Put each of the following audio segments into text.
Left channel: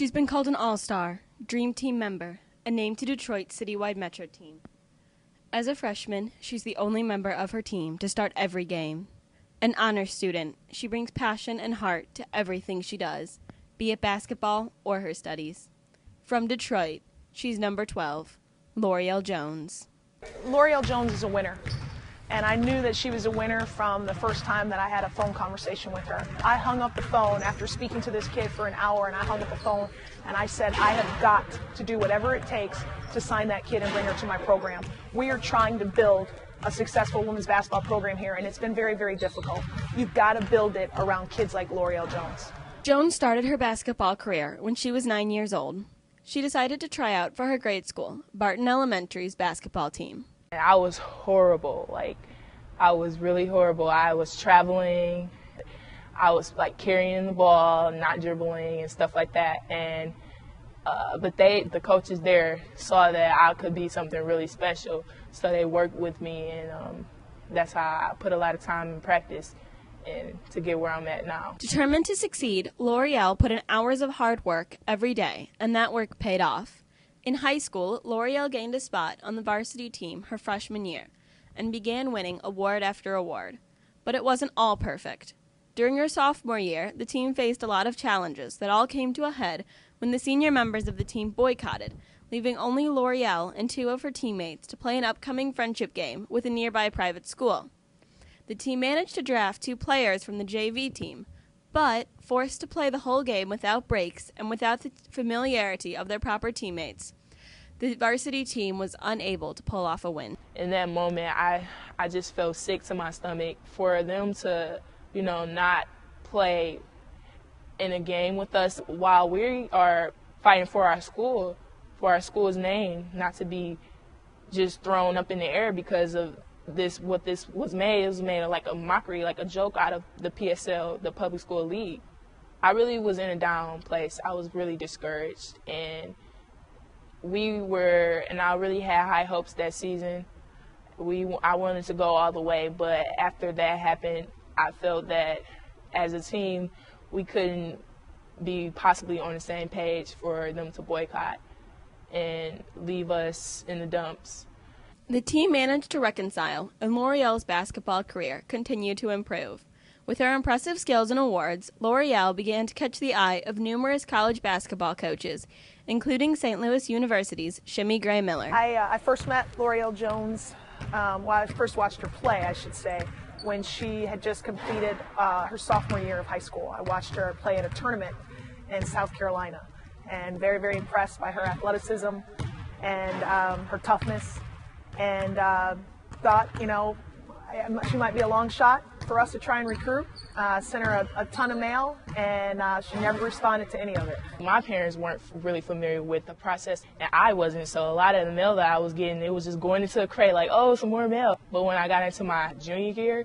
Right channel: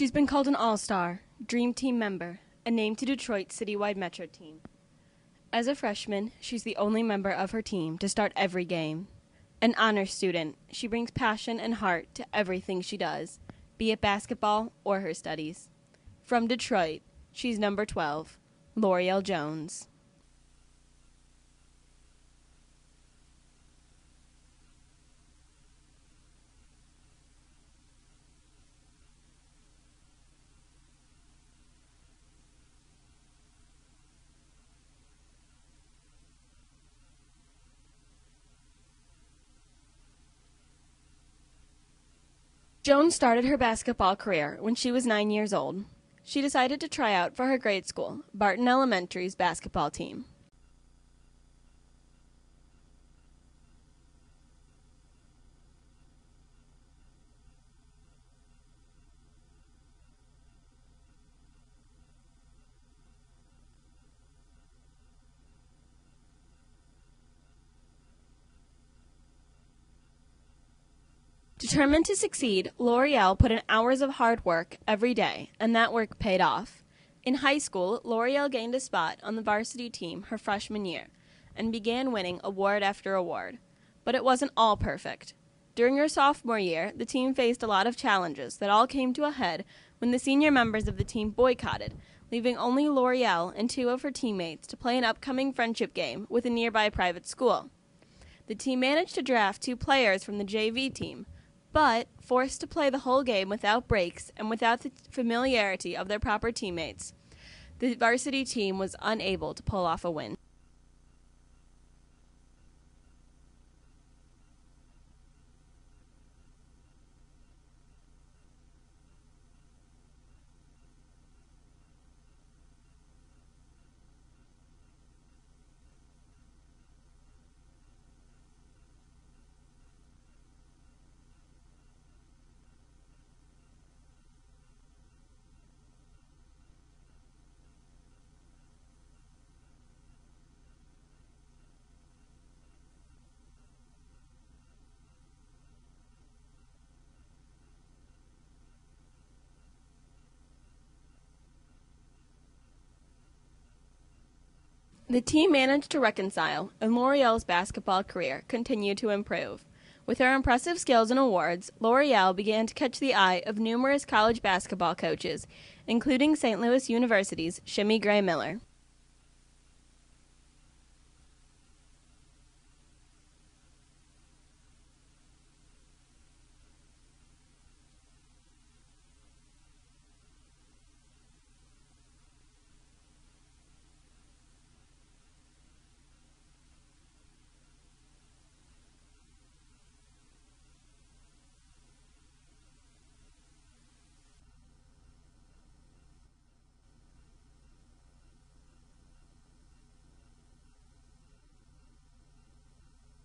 She's been called an all-star, dream team member, and named to Detroit's citywide Metro team. As a freshman, she's the only member of her team to start every game. An honor student, she brings passion and heart to everything she does, be it basketball or her studies. From Detroit, she's number 12, Lorreal Jones. Lorreal Jones is a winner, and I knew that she was a winner from the first time that I had a phone conversation with her. I hung up the phone after speaking to this kid for an hour, and I hung up the phone and I said, I have got to do whatever it takes to sign that kid and bring her to my program. We are trying to build a successful women's basketball program here, and it's been very, very difficult. You've got to build it around kids like Lorreal Jones. Jones started her basketball career when she was 9 years old. She decided to try out for her grade school, Barton Elementary's basketball team. I was horrible. I was really horrible. I was traveling. I was carrying the ball, not dribbling and stuff like that. And but the coaches there saw that I could be something really special, so they worked with me, and that's how I put a lot of time in practice and to get where I'm at now. Determined to succeed, Lorreal put in hours of hard work every day, and that work paid off. In high school, Lorreal gained a spot on the varsity team her freshman year and began winning award after award. But it wasn't all perfect. During her sophomore year, the team faced a lot of challenges that all came to a head when the senior members of the team boycotted, leaving only Lorreal and two of her teammates to play an upcoming friendship game with a nearby private school. The team managed to draft 2 players from the JV team, but forced to play the whole game without breaks and without the familiarity of their proper teammates, the varsity team was unable to pull off a win. In that moment, I just felt sick to my stomach for them to, not play in a game with us while we are fighting for our school's name, not to be just thrown up in the air because of what this was made. It was made like a mockery, like a joke out of the PSL, the Public School League. I really was in a down place. I was really discouraged, and I really had high hopes that season. I wanted to go all the way, but after that happened, I felt that as a team, we couldn't be possibly on the same page for them to boycott and leave us in the dumps. The team managed to reconcile, and Lorreal's basketball career continued to improve. With her impressive skills and awards, Lorreal began to catch the eye of numerous college basketball coaches, including St. Louis University's Shimmy Gray Miller. I first met Lorreal Jones, I first watched her play, I should say, when she had just completed her sophomore year of high school. I watched her play at a tournament in South Carolina, and very, very impressed by her athleticism and her toughness, and thought, she might be a long shot for us to try and recruit. Sent her a ton of mail, and she never responded to any of it. My parents weren't really familiar with the process, and I wasn't, so a lot of the mail that I was getting, it was just going into a crate like, oh, some more mail. But when I got into my junior year,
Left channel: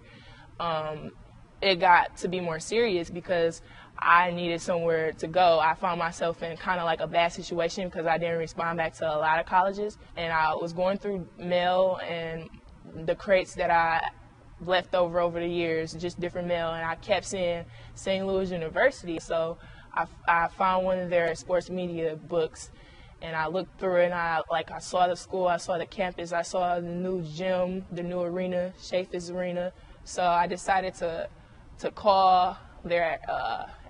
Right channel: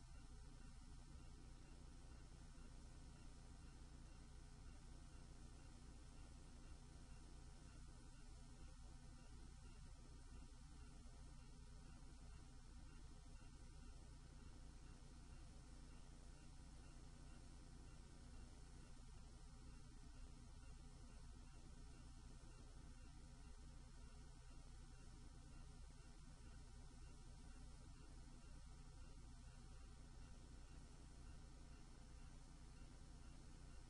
it got to be more serious because I needed somewhere to go. I found myself in kind of like a bad situation because I didn't respond back to a lot of colleges, and I was going through mail and the crates that I left over the years, just different mail, and I kept seeing St. Louis University. So I found one of their sports media books, and I looked through it, and I saw the school, I saw the campus, I saw the new gym, the new arena, Chaffetz Arena. So I decided to call their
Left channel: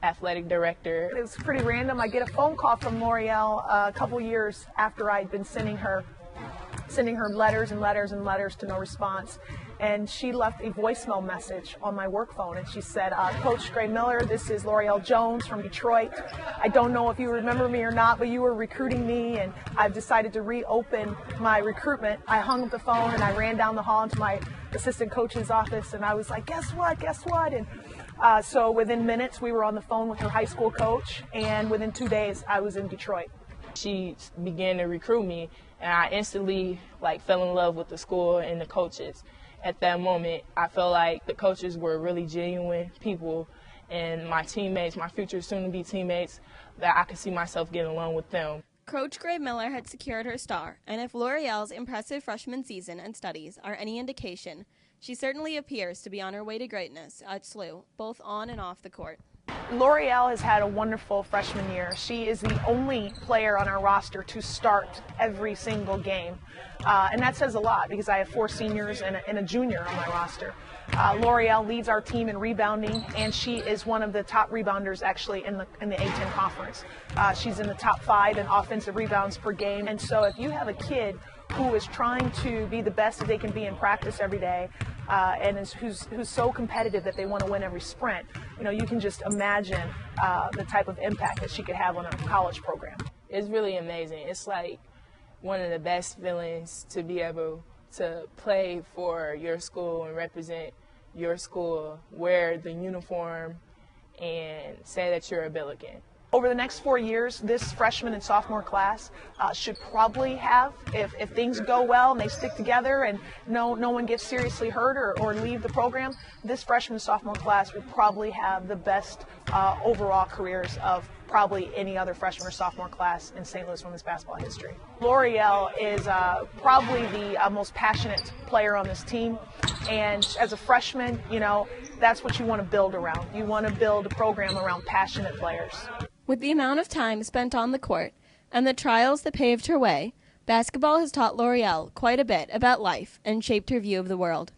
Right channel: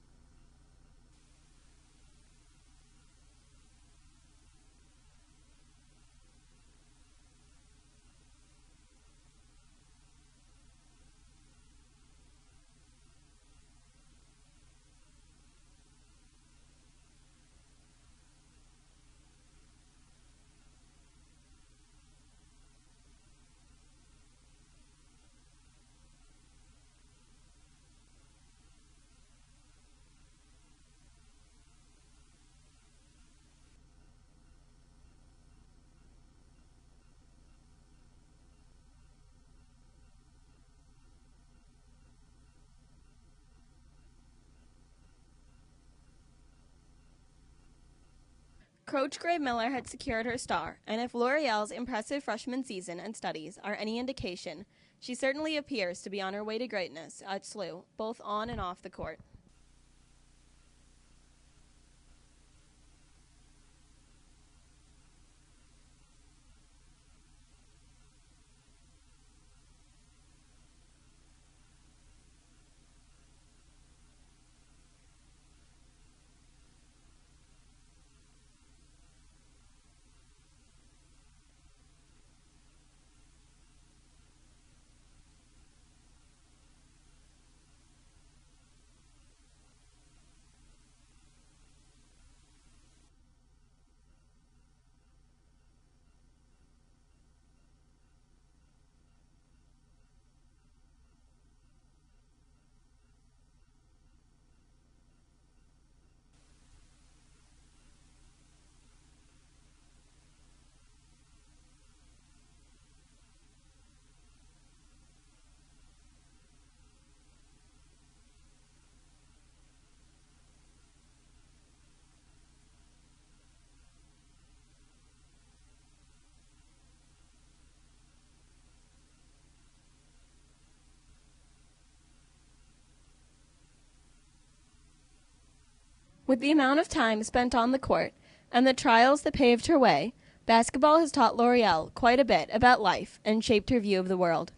athletic director. It was pretty random. I get a phone call from Lorreal a couple years after I'd been sending her letters and letters and letters to no response. And she left a voicemail message on my work phone, and she said, Coach Gray Miller, this is Lorreal Jones from Detroit. I don't know if you remember me or not, but you were recruiting me, and I've decided to reopen my recruitment. I hung up the phone, and I ran down the hall into my assistant coach's office, and I was like, guess what? And so within minutes, we were on the phone with her high school coach, and within 2 days, I was in Detroit. She began to recruit me, and I instantly fell in love with the school and the coaches. At that moment, I felt like the coaches were really genuine people, and my teammates, my future soon-to-be teammates, that I could see myself getting along with them. Coach Gray Miller had secured her star, and if Lorreal's impressive freshman season and studies are any indication, she certainly appears to be on her way to greatness at SLU, both on and off the court. L'Oreal has had a wonderful freshman year. She is the only player on our roster to start every single game. And that says a lot because I have 4 seniors and a junior on my roster. L'Oreal leads our team in rebounding, and she is one of the top rebounders actually in the A10 conference. She's in the top 5 in offensive rebounds per game. And so if you have a kid who is trying to be the best that they can be in practice every day, and who's so competitive that they want to win every sprint, you can just imagine the type of impact that she could have on a college program. It's really amazing. It's like one of the best feelings to be able to play for your school and represent your school, wear the uniform, and say that you're a Billiken. Over the next 4 years, this freshman and sophomore class should probably have, if things go well and they stick together and no one gets seriously hurt or leave the program, this freshman and sophomore class will probably have the best overall careers of probably any other freshman or sophomore class in St. Louis women's basketball history. L'Oreal is probably the most passionate player on this team, and as a freshman, that's what you want to build around. You want to build a program around passionate players. With the amount of time spent on the court and the trials that paved her way, basketball has taught L'Oreal quite a bit about life and shaped her view of the world.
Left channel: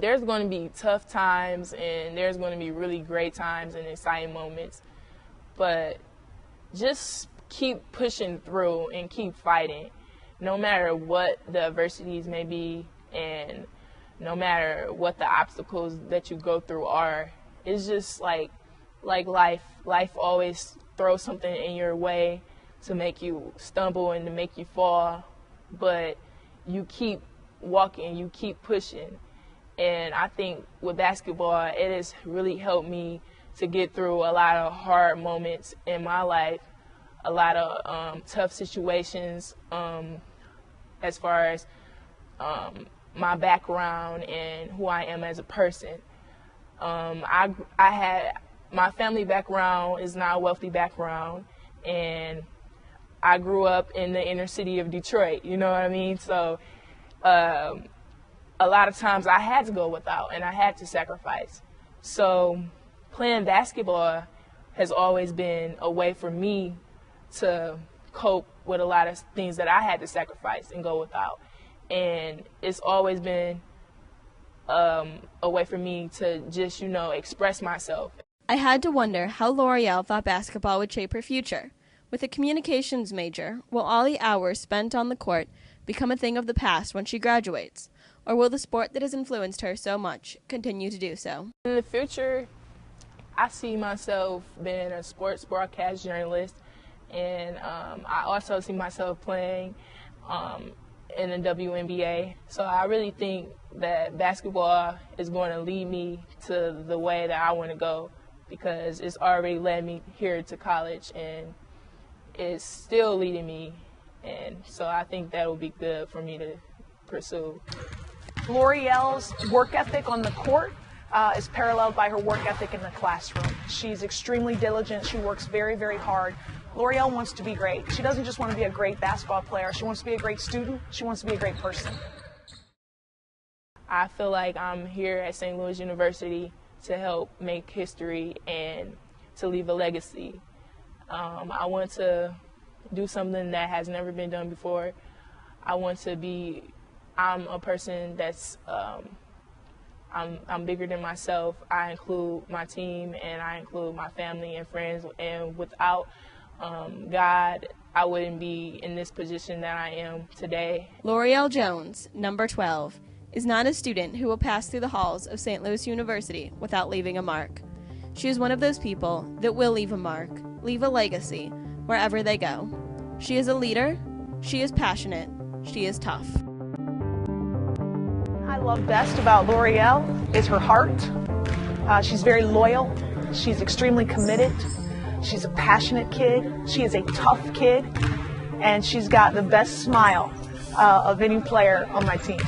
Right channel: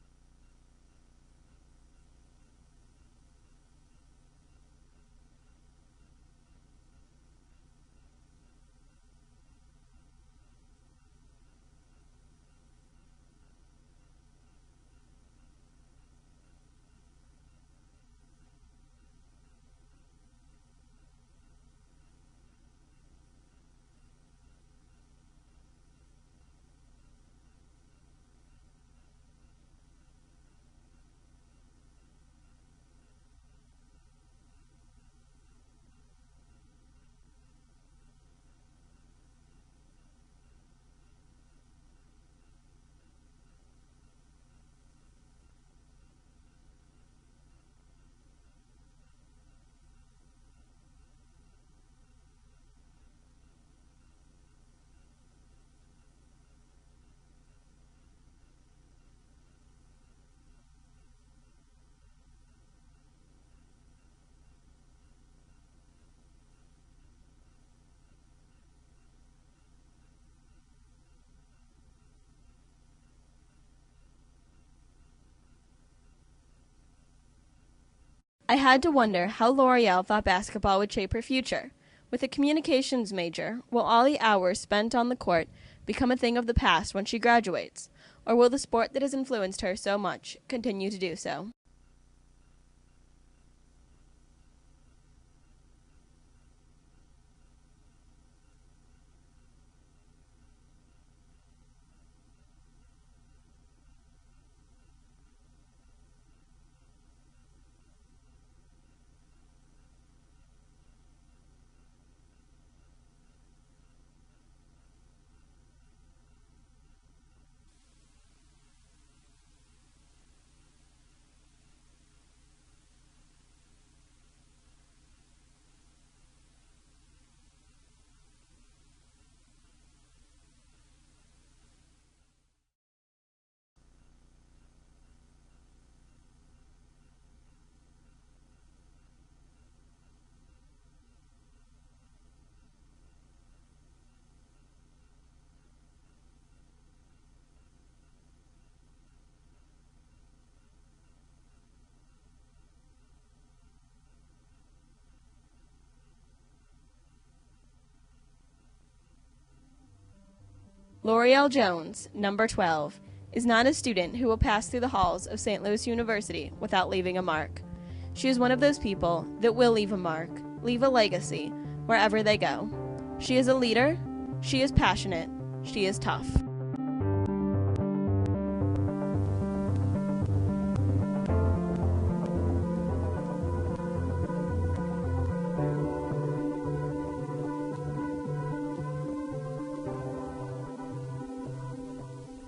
There's going to be tough times, and there's going to be really great times and exciting moments, but just keep pushing through and keep fighting, no matter what the adversities may be and no matter what the obstacles that you go through are. It's just like life. Life always throws something in your way to make you stumble and to make you fall, but you keep walking, you keep pushing. And I think with basketball, it has really helped me to get through a lot of hard moments in my life, a lot of tough situations as far as my background and who I am as a person. My family background is not a wealthy background, and I grew up in the inner city of Detroit, you know what I mean? So a lot of times I had to go without, and I had to sacrifice. So playing basketball has always been a way for me to cope with a lot of things that I had to sacrifice and go without. And it's always been a way for me to just, express myself. I had to wonder how L'Oreal thought basketball would shape her future. With a communications major, will all the hours spent on the court become a thing of the past when she graduates? Or will the sport that has influenced her so much continue to do so? In the future, I see myself being a sports broadcast journalist, and I also see myself playing in the WNBA. So I really think that basketball is going to lead me to the way that I want to go, because it's already led me here to college, and it's still leading me, and so I think that will be good for me to pursue. L'Oreal's work ethic on the court is paralleled by her work ethic in the classroom. She's extremely diligent. She works very, very hard. L'Oreal wants to be great. She doesn't just want to be a great basketball player. She wants to be a great student. She wants to be a great person. I feel like I'm here at St. Louis University to help make history and to leave a legacy. I want to do something that has never been done before. I'm a person that's, I'm bigger than myself. I include my team, and I include my family and friends, and without God, I wouldn't be in this position that I am today. Lorreal Jones, number 12, is not a student who will pass through the halls of St. Louis University without leaving a mark. She is one of those people that will leave a mark, leave a legacy, wherever they go. She is a leader, she is passionate, she is tough. I love best about L'Oreal is her heart. She's very loyal, she's extremely committed, she's a passionate kid, she is a tough kid, and she's got the best smile of any player on my team.